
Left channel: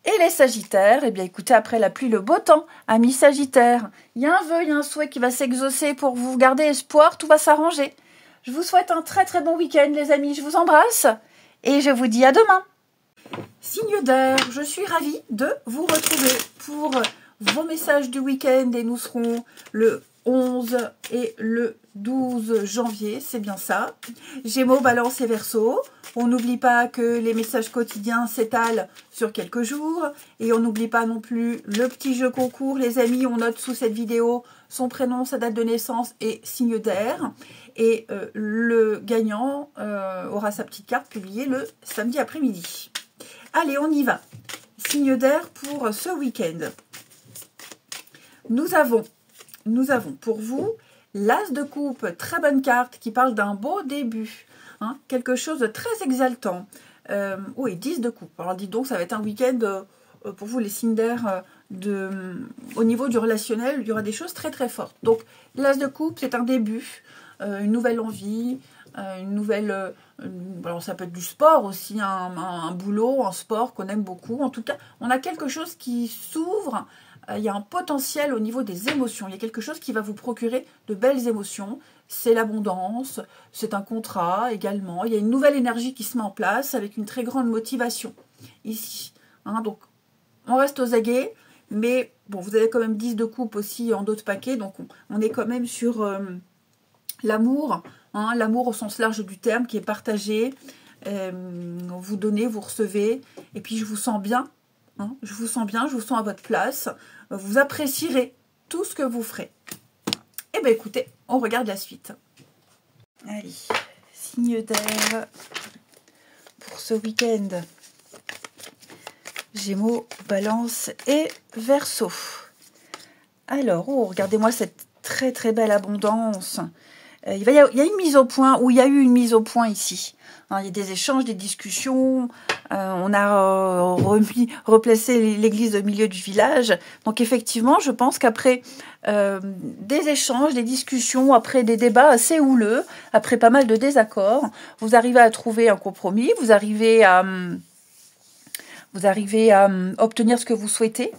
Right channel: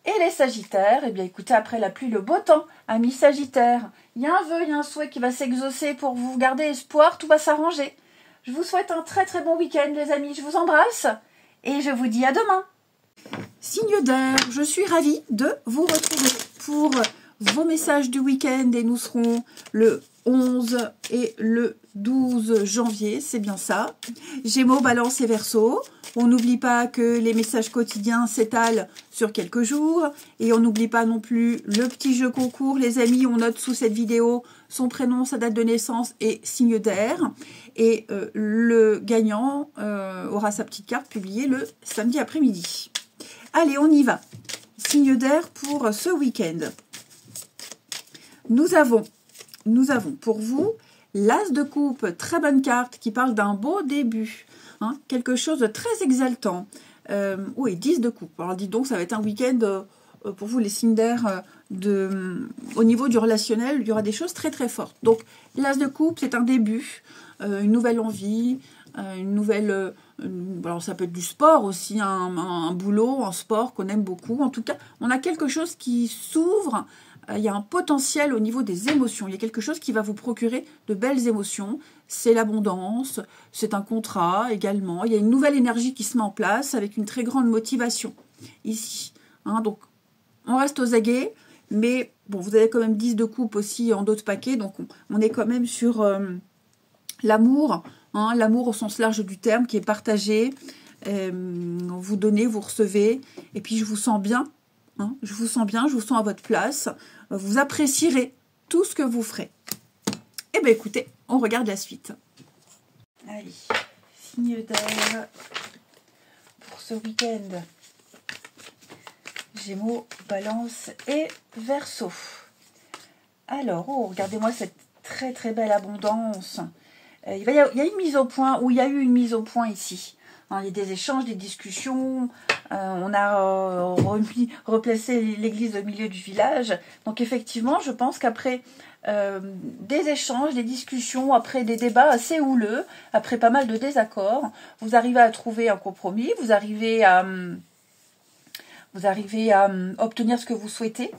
Et les sagittaires, eh bien écoutez, après la pluie, le beau temps, amis sagittaires, il y a un vœu, il y a un souhait qui va s'exaucer pour vous garder espoir, tout va s'arranger. Je vous souhaite un très très bon week-end les amis, je vous embrasse et je vous dis à demain. Signe d'air, je suis ravie de vous retrouver pour vos messages du week-end et nous serons le 11 et le 12 janvier, c'est bien ça. Gémeaux, Balance et Verseau. On n'oublie pas que les messages quotidiens s'étalent sur quelques jours. Et on n'oublie pas non plus le petit jeu concours. Les amis, on note sous cette vidéo son prénom, sa date de naissance et signe d'air. Et le gagnant aura sa petite carte publiée le samedi après-midi. Allez, on y va. Signe d'air pour ce week-end. Nous avons pour vous l'As de coupe, très bonne carte qui parle d'un beau début, quelque chose de très exaltant. Oui, 10 de coupe. Alors dites donc, ça va être un week-end pour vous les signes d'air au niveau du relationnel, il y aura des choses très très fortes. Donc l'As de coupe, c'est un début, une nouvelle envie, une nouvelle... alors ça peut être du sport aussi, un boulot, un sport qu'on aime beaucoup. En tout cas, on a quelque chose qui s'ouvre. Il y a un potentiel au niveau des émotions. Il y a quelque chose qui va vous procurer de belles émotions. C'est l'abondance, c'est un contrat également. Il y a une nouvelle énergie qui se met en place avec une très grande motivation ici. Donc, on reste aux aguets, mais bon, vous avez quand même 10 de coupe aussi en d'autres paquets. Donc, on est quand même sur l'amour, l'amour au sens large du terme qui est partagé. Vous donnez, vous recevez. Et puis, je vous sens bien. Je vous sens bien, je vous sens à votre place. vous apprécierez tout ce que vous ferez. Eh bien, écoutez, on regarde la suite. Allez, signe d'air pour ce week-end. Gémeaux, Balance et Verseau. Alors, oh, regardez-moi cette très très belle abondance. Il y a une mise au point, ou il y a eu une mise au point ici. Hein, il y a des échanges, des discussions. On a replacé l'église au milieu du village. Donc effectivement, je pense qu'après des échanges, des discussions, après des débats assez houleux, après pas mal de désaccords, vous arrivez à trouver un compromis, vous arrivez à obtenir ce que vous souhaitez.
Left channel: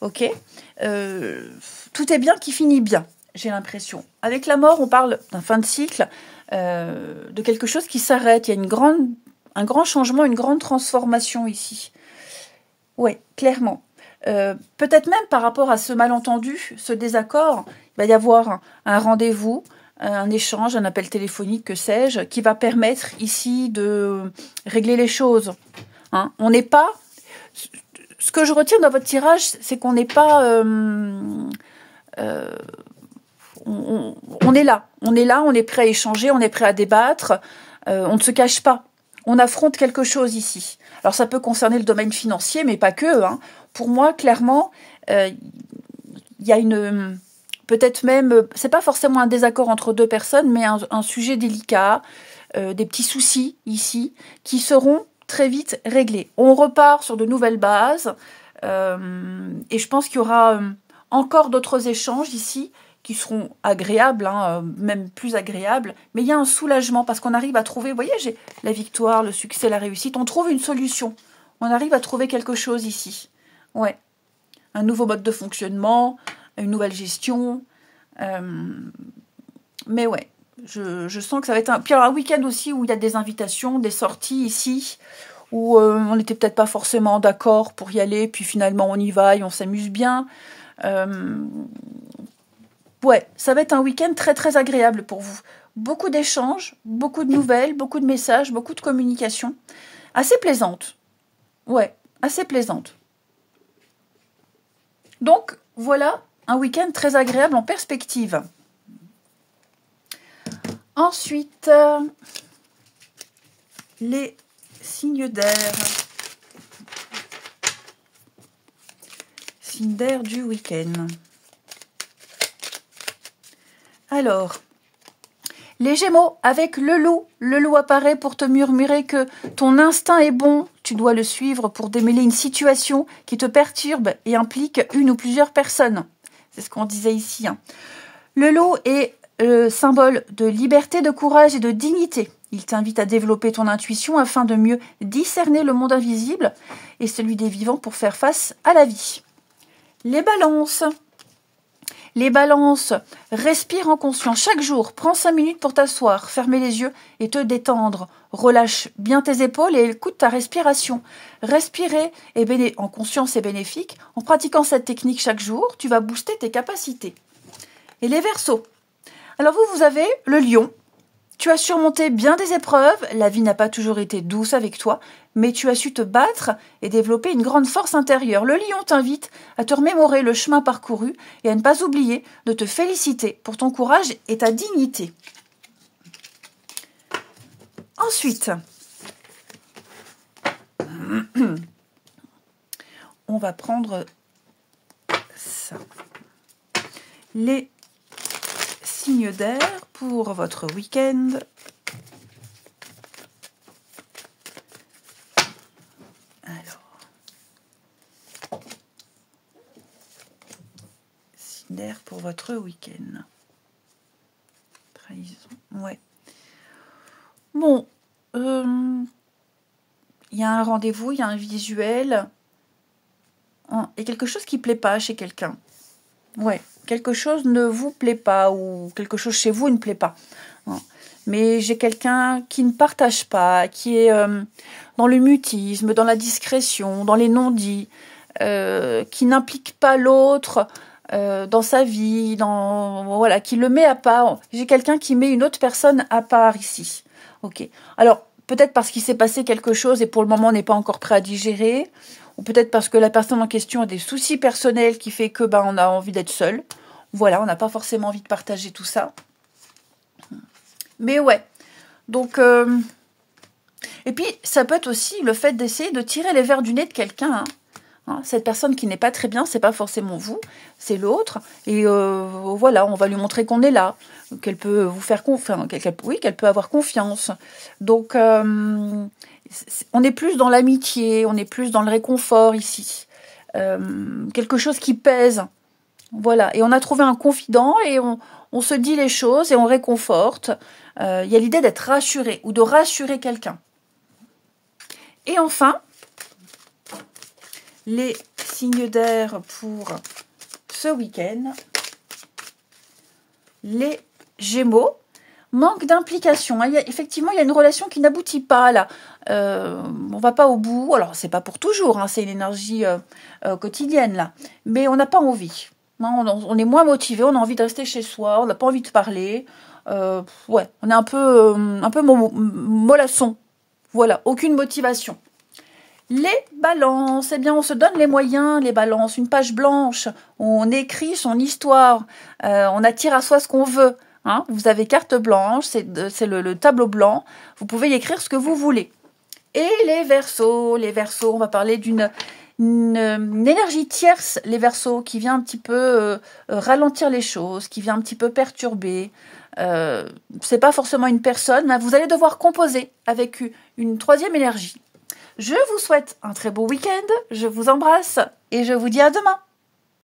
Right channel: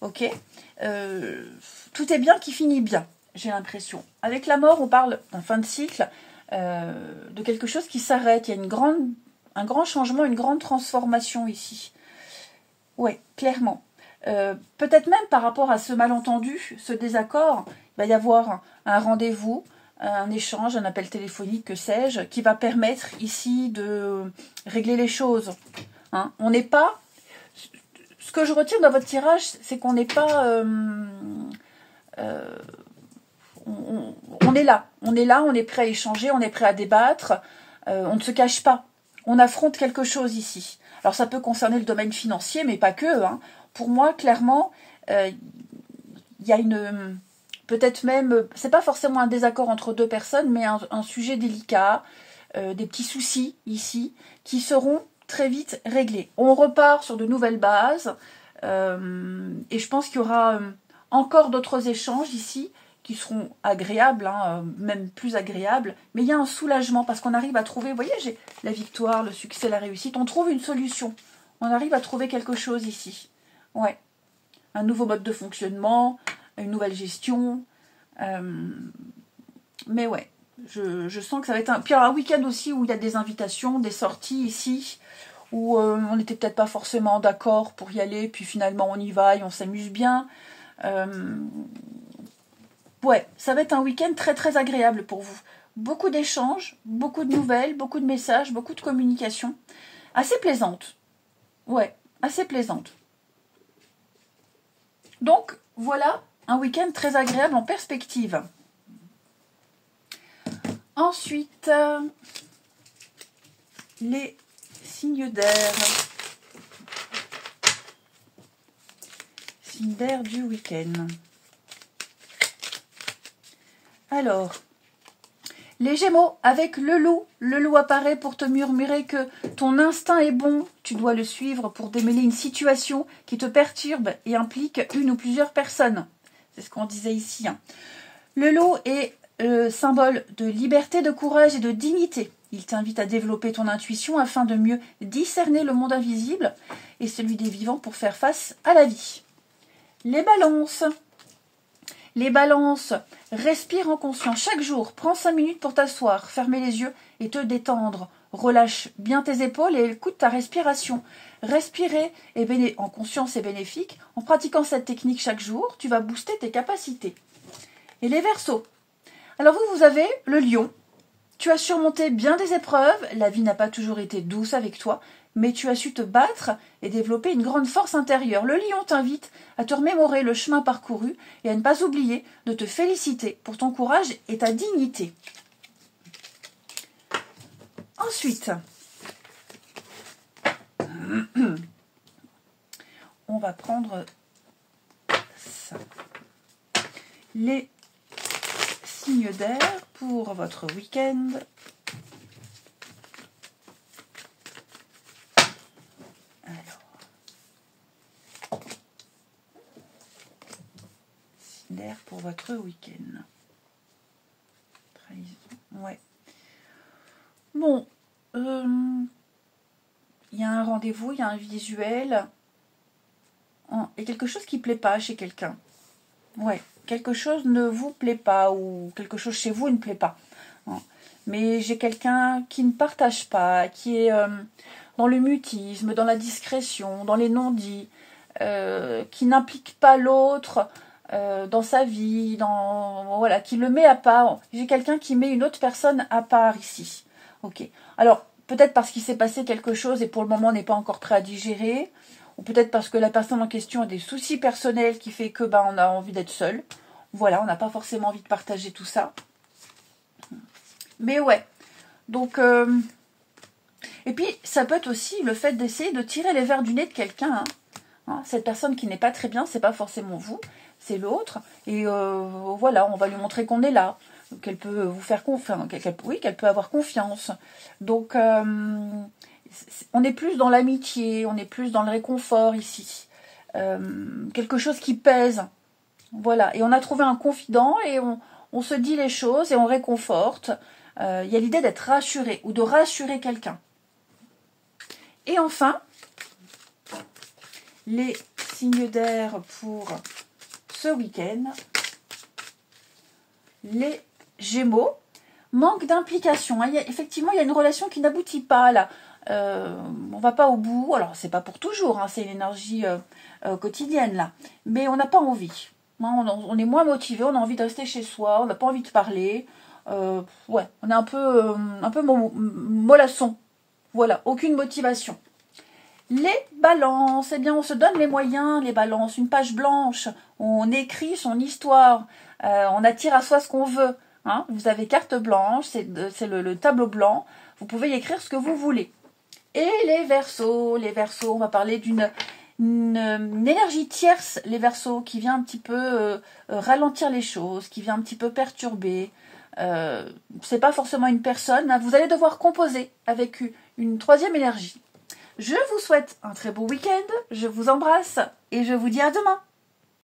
Ok, tout est bien qui finit bien, j'ai l'impression. Avec la mort, on parle d'un fin de cycle, de quelque chose qui s'arrête. Il y a un grand changement, une grande transformation ici. Oui, clairement. Peut-être même par rapport à ce malentendu, ce désaccord, il va y avoir un rendez-vous, un échange, un appel téléphonique, que sais-je, qui va permettre ici de régler les choses. Hein, on n'est pas... Ce que je retiens dans votre tirage, c'est qu'on n'est pas... on est là, on est prêt à échanger, on est prêt à débattre, on ne se cache pas. On affronte quelque chose ici. Alors ça peut concerner le domaine financier, mais pas que. Hein. Pour moi, clairement, il y a une... Peut-être même... C'est pas forcément un désaccord entre deux personnes, mais un sujet délicat, des petits soucis ici, qui seront très vite réglés. On repart sur de nouvelles bases, et je pense qu'il y aura encore d'autres échanges ici, qui seront agréables, hein, même plus agréables, mais il y a un soulagement, parce qu'on arrive à trouver, vous voyez, j'ai la victoire, le succès, la réussite, on trouve une solution, on arrive à trouver quelque chose ici, ouais, un nouveau mode de fonctionnement, une nouvelle gestion, mais ouais, je sens que ça va être puis alors un week-end aussi où il y a des invitations, des sorties ici, où on n'était peut-être pas forcément d'accord pour y aller, puis finalement on y va et on s'amuse bien, ouais, ça va être un week-end très très agréable pour vous. Beaucoup d'échanges, beaucoup de nouvelles, beaucoup de messages, beaucoup de communication. Assez plaisante. Ouais, assez plaisante. Donc, voilà un week-end très agréable en perspective. Ensuite, les signes d'air. Signes d'air du week-end. Alors, les Gémeaux, avec le loup apparaît pour te murmurer que ton instinct est bon, tu dois le suivre pour démêler une situation qui te perturbe et implique une ou plusieurs personnes. C'est ce qu'on disait ici. Hein. Le loup est le symbole de liberté, de courage et de dignité. Il t'invite à développer ton intuition afin de mieux discerner le monde invisible et celui des vivants pour faire face à la vie. Les balances. Les balances, respire en conscience chaque jour, prends 5 minutes pour t'asseoir, fermer les yeux et te détendre. Relâche bien tes épaules et écoute ta respiration. Respirer en conscience est bénéfique. En pratiquant cette technique chaque jour, tu vas booster tes capacités. Et les Verseaux. Alors vous avez le lion. Tu as surmonté bien des épreuves, la vie n'a pas toujours été douce avec toi, mais tu as su te battre et développer une grande force intérieure. Le lion t'invite à te remémorer le chemin parcouru et à ne pas oublier de te féliciter pour ton courage et ta dignité. Ensuite, on va prendre ça. Les signes d'air pour votre week-end. D'air pour votre week-end. Trahison. Ouais. Bon. Il y a un rendez-vous, il y a un visuel. Il y a quelque chose qui ne plaît pas chez quelqu'un. Ouais. Quelque chose ne vous plaît pas ou quelque chose chez vous ne plaît pas. Mais j'ai quelqu'un qui ne partage pas, qui est dans le mutisme, dans la discrétion, dans les non-dits, qui n'implique pas l'autre dans sa vie, voilà, qui le met à part. J'ai quelqu'un qui met une autre personne à part ici. Ok. Alors, peut-être parce qu'il s'est passé quelque chose et pour le moment on n'est pas encore prêt à digérer, ou peut-être parce que la personne en question a des soucis personnels qui fait que on a envie d'être seul. Voilà, on n'a pas forcément envie de partager tout ça. Mais ouais, donc... Et puis, ça peut être aussi le fait d'essayer de tirer les vers du nez de quelqu'un. Cette personne qui n'est pas très bien, c'est pas forcément vous, c'est l'autre. Et voilà, on va lui montrer qu'on est là, qu'elle peut vous faire confiance, qu'elle peut avoir confiance. Donc, on est plus dans l'amitié, on est plus dans le réconfort ici. Quelque chose qui pèse. Voilà, et on a trouvé un confident et on se dit les choses et on réconforte. Il y a l'idée d'être rassuré ou de rassurer quelqu'un. Et enfin, les signes d'air pour ce week-end. Les Gémeaux, manque d'implication. Effectivement, il y a une relation qui n'aboutit pas là. On va pas au bout. Alors, c'est pas pour toujours, c'est une énergie quotidienne là. Mais on n'a pas envie. Non, on est moins motivé, on a envie de rester chez soi, on n'a pas envie de parler. Ouais, on est un peu mollasson. Voilà, aucune motivation. Les balances, eh bien on se donne les moyens, les balances, une page blanche, on écrit son histoire, on attire à soi ce qu'on veut. Vous avez carte blanche, c'est le tableau blanc, vous pouvez y écrire ce que vous voulez. Et les Verseaux, on va parler d'une énergie tierce, les Verseaux, qui vient un petit peu ralentir les choses, qui vient un petit peu perturber. C'est pas forcément une personne, mais vous allez devoir composer avec une troisième énergie. Je vous souhaite un très beau week-end, je vous embrasse et je vous dis à demain.